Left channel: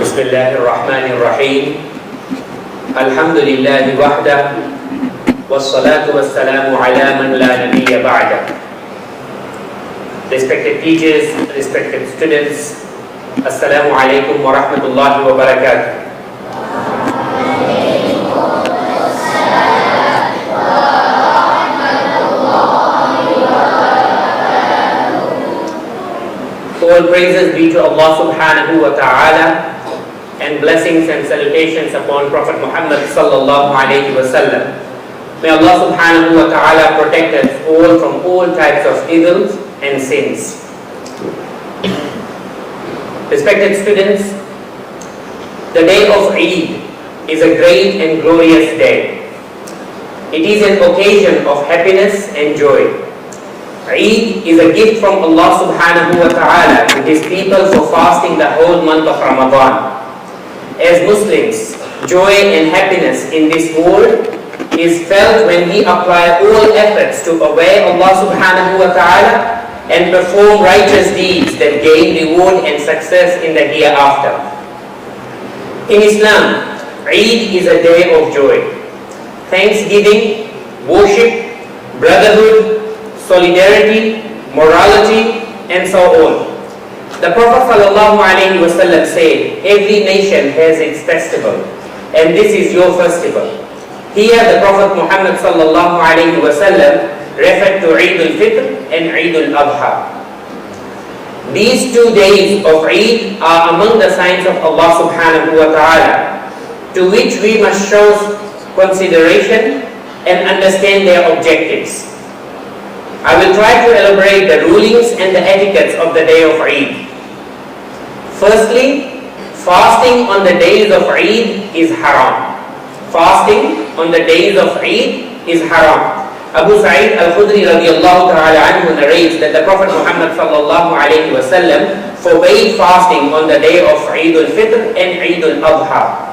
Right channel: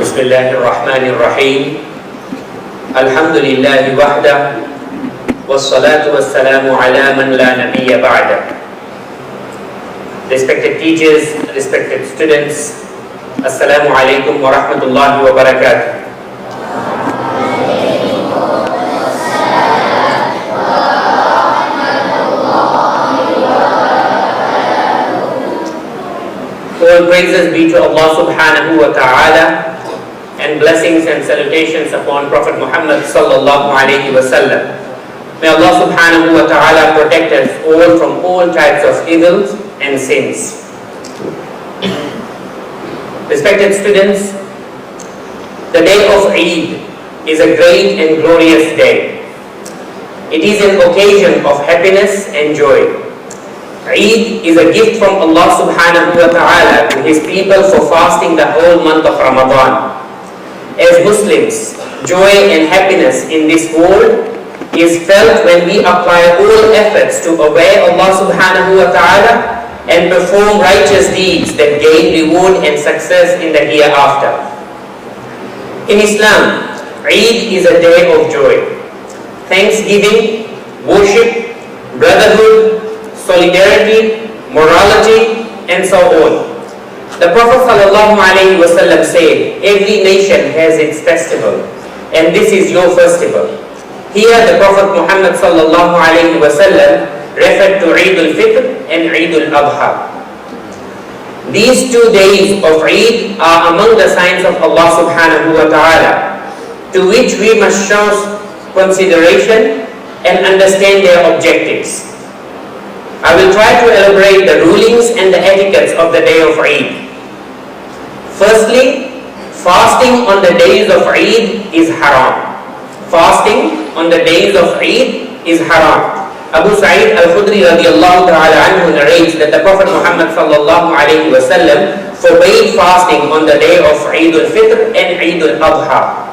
بسم الله الرحمن الرحيم الحمد لله وحده والصلاة والسلام على من لا نبي بعده. Respected teachers, respected students, Assalamu alaikum wa rahmatullahi wa barakatuh. All praises be to Allah subhanahu wa ta'ala, and blessings and salutations upon Prophet Muhammad sallallahu alayhi wa sallam. May Allah subhanahu wa ta'ala protect us all from all types of evils and sins. Respected students, the day of Eid is a great and glorious day. It is an occasion of happiness and joy. Eid is a gift from Allah subhanahu wa ta'ala to His people for fasting the whole month of Ramadan. As Muslims, joy and happiness in this world is felt when we apply all efforts to obey Allah subhanahu wa ta'ala and perform righteous deeds that gain reward and success in the hereafter. In Islam, Eid is a day of joy, thanksgiving, worship, brotherhood, solidarity, morality, and so on. The Prophet ﷺ said, every nation has its festival, and this is your festival. Here the Prophet Muhammad ﷺ referred to Eid al-Fitr and Eid al-Adha. These 2 days of Eid are among the signs of Allah subhanahu wa ta'ala, to which we must show consideration and understand their objectives. I will try to elaborate the rulings and the etiquettes of the day of Eid. Firstly, fasting on the days of Eid is haram. Fasting on the days of Eid is haram. Abu Sa'id al-Khudri radiallahu ta'ala anhu narrates that the Prophet Muhammad sallallahu alayhi wa sallam forbade fasting on the day of Eid al-Fitr and Eid al-Adha.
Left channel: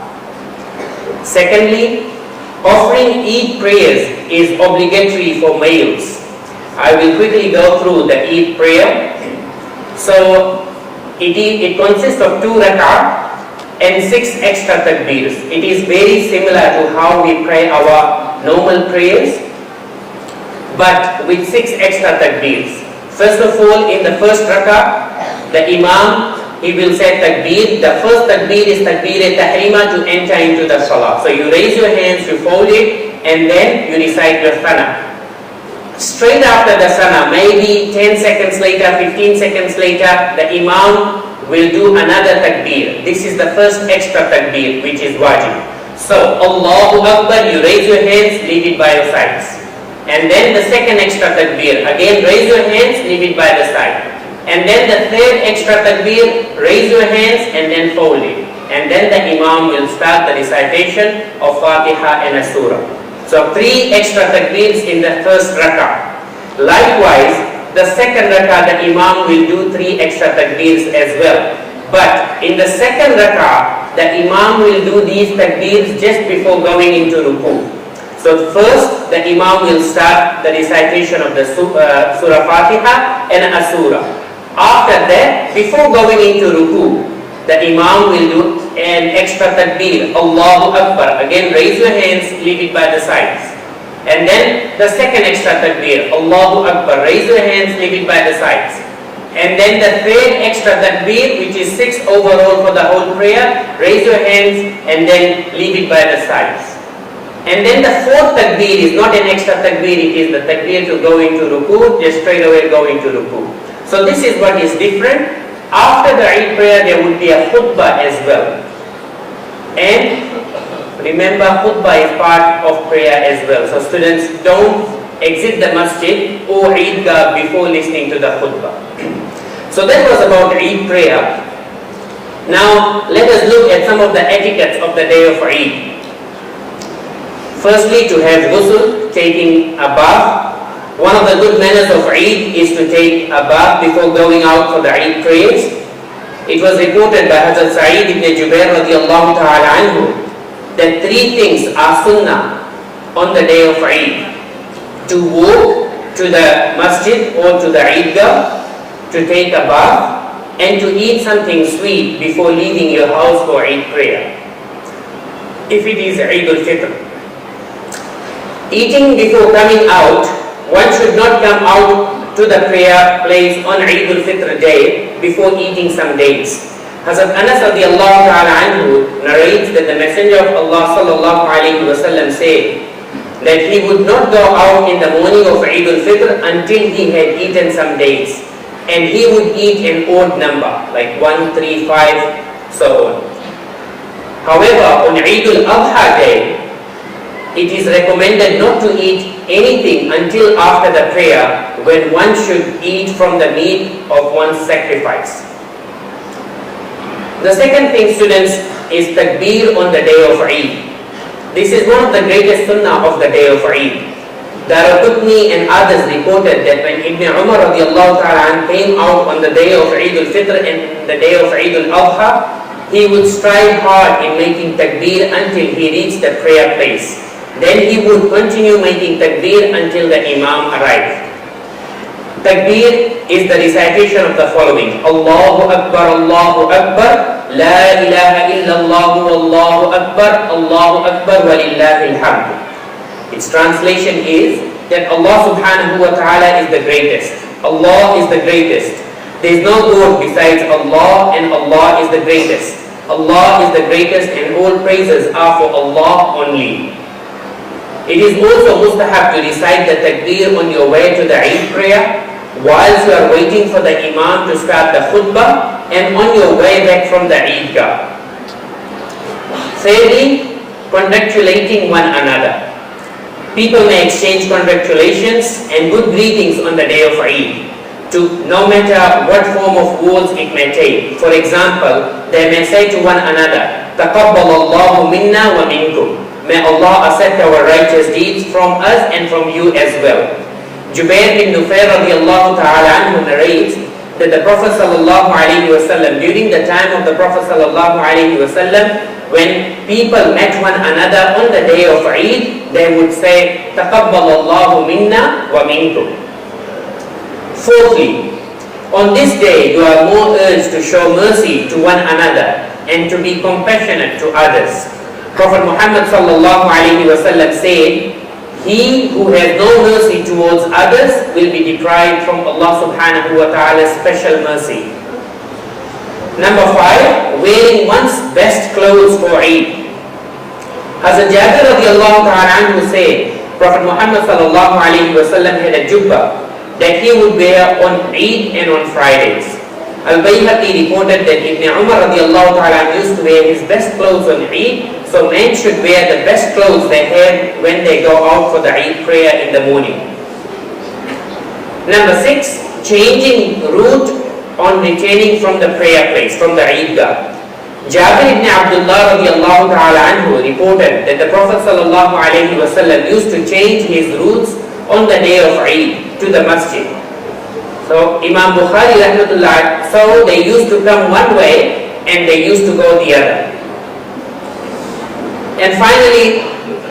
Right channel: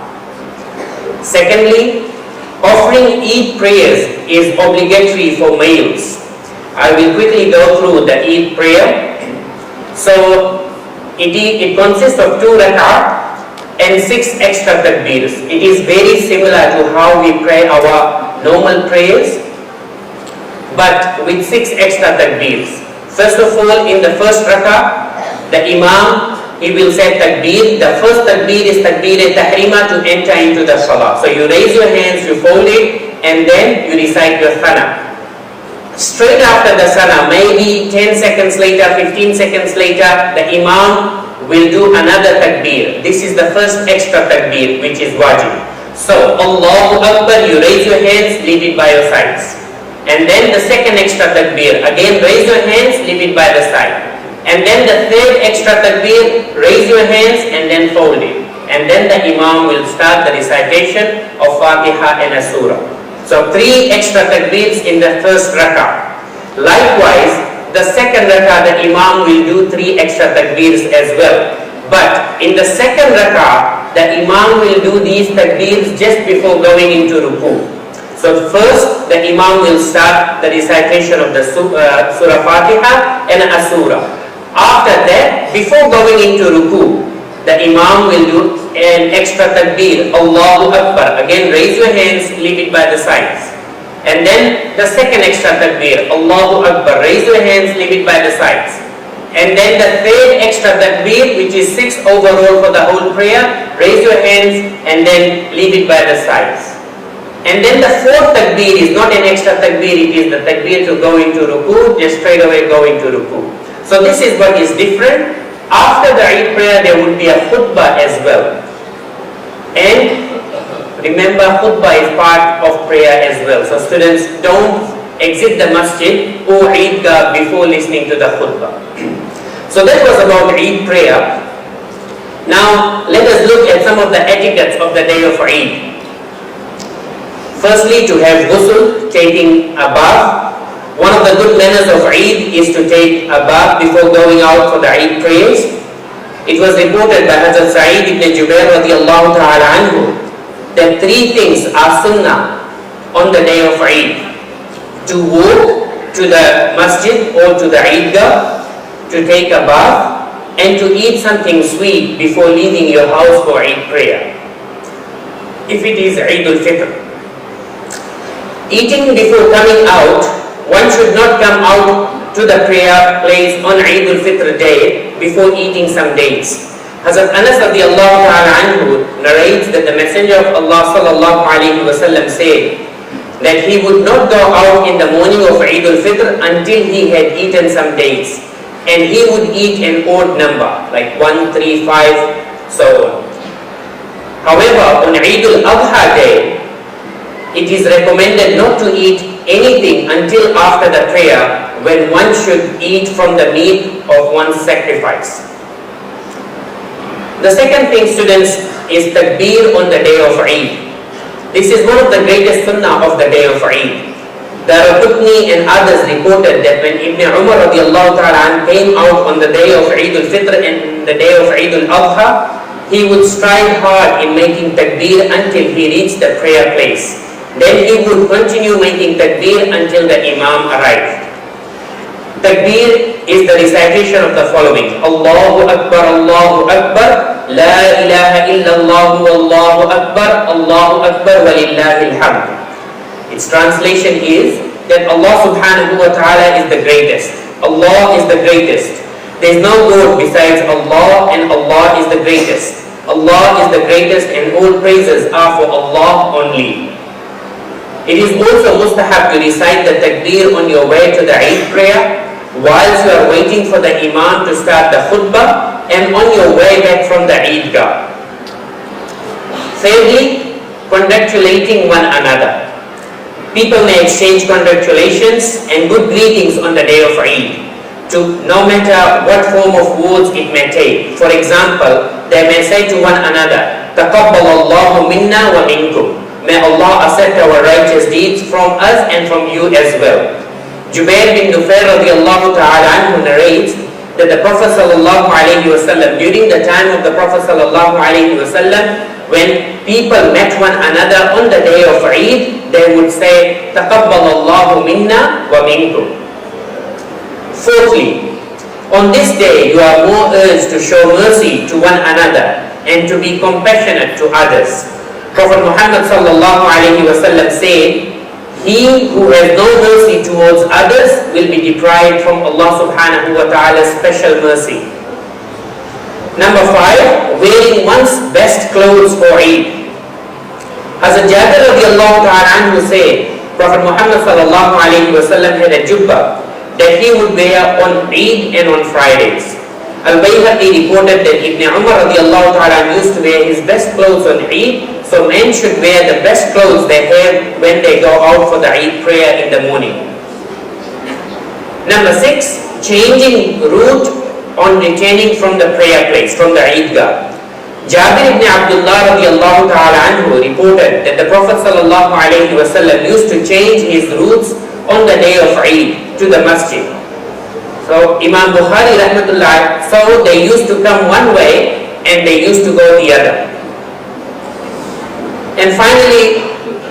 Secondly, offering Eid prayers is obligatory for males. I will quickly go through the Eid prayer. So, it consists of 2 rak'ah and 6 extra takbirs. It is very similar to how we pray our normal prayers, but with 6 extra takbirs. First of all, in the first rak'ah, the Imam, he will say takbir. The first takbir is takbir-e-tahrima to enter into the salah. So you raise your hands, you fold it, and then you recite your thana. Straight after the sana, maybe 10 seconds later, 15 seconds later, the Imam will do another takbir. This is the first extra takbir, which is wajib. So, Allahu Akbar, you raise your hands, leave it by your sides. And then the second extra takbir, again raise your hands, leave it by the side. And then the third extra takbir, raise your hands and then fold it. And then the Imam will start the recitation of Fatiha and a surah. So 3 extra takbirs in the first rak'ah. Likewise, the second rak'ah, the Imam will do 3 extra takbirs as well. But in the second rak'ah, the Imam will do these takbirs just before going into ruku. So first, the Imam will start the recitation of the Surah Fatiha and a surah. After that, before going into ruku, the Imam will do an extra takbir, Allahu Akbar. Again, raise your hands, leave it by the sides. And then the second extra takbir, Allahu Akbar. Raise your hands, leave it by the sides. And then the third extra takbir, which is 6 overall for the whole prayer, raise your hands and then leave it by the sides. And then the fourth takbir is not an extra takbir, it is the takbir to go into ruku, just straight away go into ruku. So this is what is different. After the Eid prayer, there would be a khutbah as well. And remember, khutbah is part of prayer as well. So students, don't exit the masjid or Eidgah before listening to the khutbah. So that was about Eid prayer. Now, let us look at some of the etiquettes of the day of Eid. Firstly, to have ghusl, taking a bath. One of the good manners of Eid is to take a bath before going out for the Eid prayers. It was reported by Hazrat Sa'id ibn Jubair radiallahu ta'ala anhu that 3 things are sunnah on the day of Eid. To walk to the masjid or to the Eidgah, to take a bath, and to eat something sweet before leaving your house for Eid prayer, if it is Eid al-Fitr. Eating before coming out, one should not come out to the prayer place on Eid al-Fitr day before eating some dates. Hazrat Anas radiallahu ta'ala anhu narrates that the Messenger of Allah sallallahu alayhi wa sallam said that he would not go out in the morning of Eid al-Fitr until he had eaten some dates, and he would eat an odd number like 1, 3, 5, so on. However, on Eid al-Adha day, it is recommended not to eat anything until after the prayer, when one should eat from the meat of one's sacrifice. The second thing, students, is takbir on the day of Eid. This is one of the greatest sunnah of the day of Eid. Daraqutni and others reported that when Ibn Umar radiallahu ta'ala came out on the day of Eid al-Fitr and the day of Eid al-Adha, he would strive hard in making takbir until he reached the prayer place. Then he would continue making takbir until the Imam arrived. Takbir is the recitation of the following: Allahu Akbar, La ilaha illallah, Allahu Akbar, walillahil hamd. Its translation is that Allah subhanahu wa ta'ala is the greatest. Allah is the greatest. There is no God besides Allah, and Allah is the greatest. Allah is the greatest, and all praises are for Allah only. It is also mustahab to recite the takbir on your way to the Eid prayer, whilst you are waiting for the Imam to start the khutbah, and on your way back from the Eidgah. Thirdly, congratulating one another. People may exchange congratulations and good greetings on the day of Eid, no matter what form of words it may take. For example, they may say to one another, Taqabbalallahu minna wa minkum. May Allah accept our righteous deeds from us and from you as well. Jubair bin Nufair radiallahu ta'ala anhu narrates that the Prophet sallallahu alayhi wa sallam, during the time of the Prophet sallallahu alayhi wa sallam, when people met one another on the day of Eid, they would say, Taqabbalallahu minna wa minkum. Fourthly, on this day you are more urged to show mercy to one another and to be compassionate to others. Prophet Muhammad sallallahu alayhi wa sallam said, he who has no mercy towards others will be deprived from Allah subhanahu wa ta'ala's special mercy. Number 5, wearing one's best clothes for Eid. Hazrat Jabir radiallahu ta'ala anhu said, Prophet Muhammad sallallahu alayhi wa sallam had a jubbah that he would wear on Eid and on Fridays. Al-Bayhaqi reported that Ibn Umar radiallahu ta'ala used to wear his best clothes on Eid, so men should wear the best clothes they have when they go out for the Eid prayer in the morning. Number 6, changing route on returning from the prayer place, from the Eidgah. Jabir ibn Abdullah radiallahu ta'ala anhu reported that the Prophet sallallahu alayhi wa sallam used to change his routes on the day of Eid to the masjid. So Imam Bukhari rahmatullah, so they used to come one way and they used to go the other. And finally,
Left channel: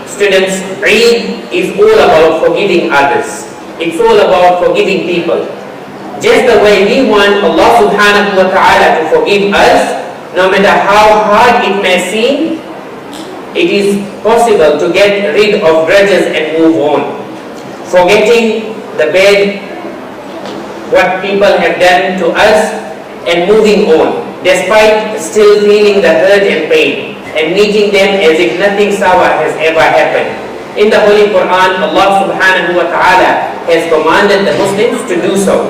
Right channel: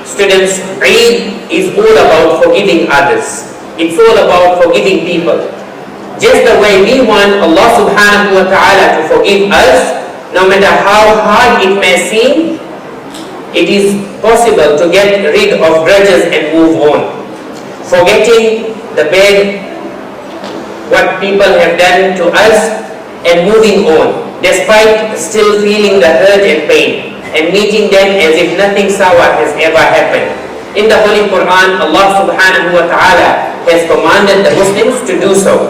students, Eid is all about forgiving others. It's all about forgiving people. Just the way we want Allah subhanahu wa ta'ala to forgive us, no matter how hard it may seem, it is possible to get rid of grudges and move on. Forgetting the bad, what people have done to us, and moving on, despite still feeling the hurt and pain, and meeting them as if nothing sour has ever happened. In the Holy Quran, Allah subhanahu wa ta'ala has commanded the Muslims to do so.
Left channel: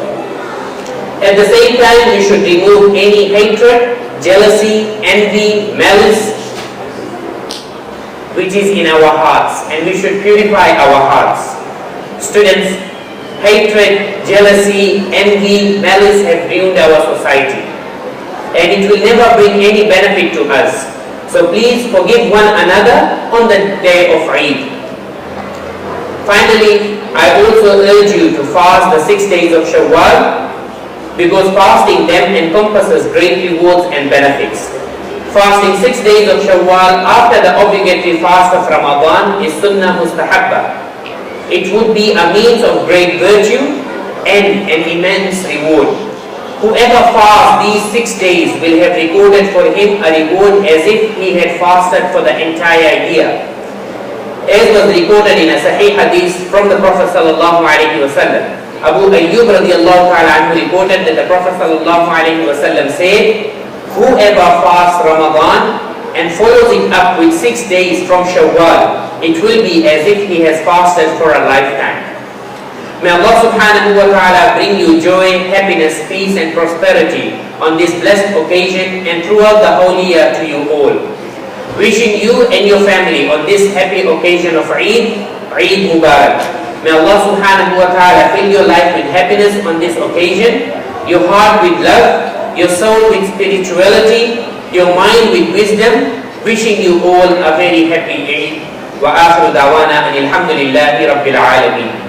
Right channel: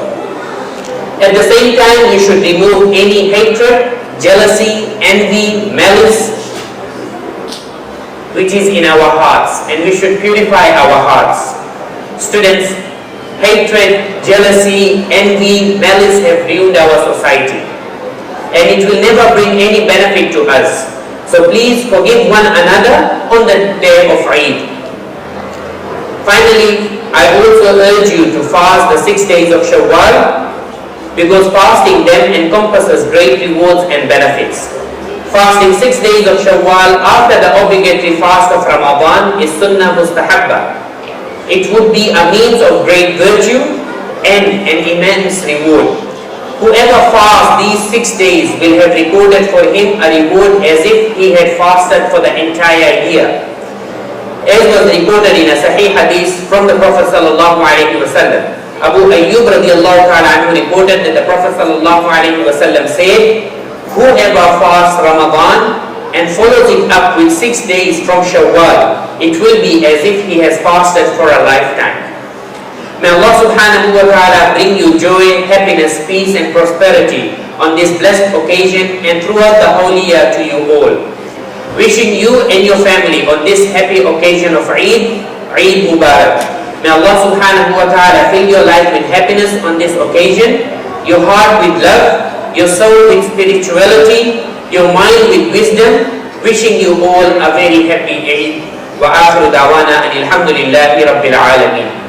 At the same time, we should remove any hatred, jealousy, envy, malice, which is in our hearts, and we should purify our hearts. Students, hatred, jealousy, envy, malice have ruined our society, and it will never bring any benefit to us. So please forgive one another on the day of Eid. Finally, I also urge you to fast the 6 days of Shawwal, because fasting them encompasses great rewards and benefits. Fasting 6 days of Shawwal after the obligatory fast of Ramadan is sunnah mustahabba. It would be a means of great virtue and an immense reward. Whoever fasts these 6 days will have recorded for him a reward as if he had fasted for the entire year. As was recorded in a Sahih Hadith from the Prophet sallallahu alaihi wasallam. Abu Ayyub radiallahu ta'ala anhu reported that the Prophet sallallahu alaihi wasallam said, whoever fasts Ramadan and follows it up with 6 days from Shawwal, it will be as if he has fasted for a lifetime. May Allah subhanahu wa ta'ala bring you joy, happiness, peace and prosperity on this blessed occasion and throughout the holy year to you all. Wishing you and your family on this happy occasion of Eid, Eid Mubarak. May Allah subhanahu wa ta'ala fill your life with happiness on this occasion, your heart with love, your soul with spirituality, your mind with wisdom. Wishing you all a very happy Eid. Wa akhiru da'wana alhamdulillahi rabbil alameen.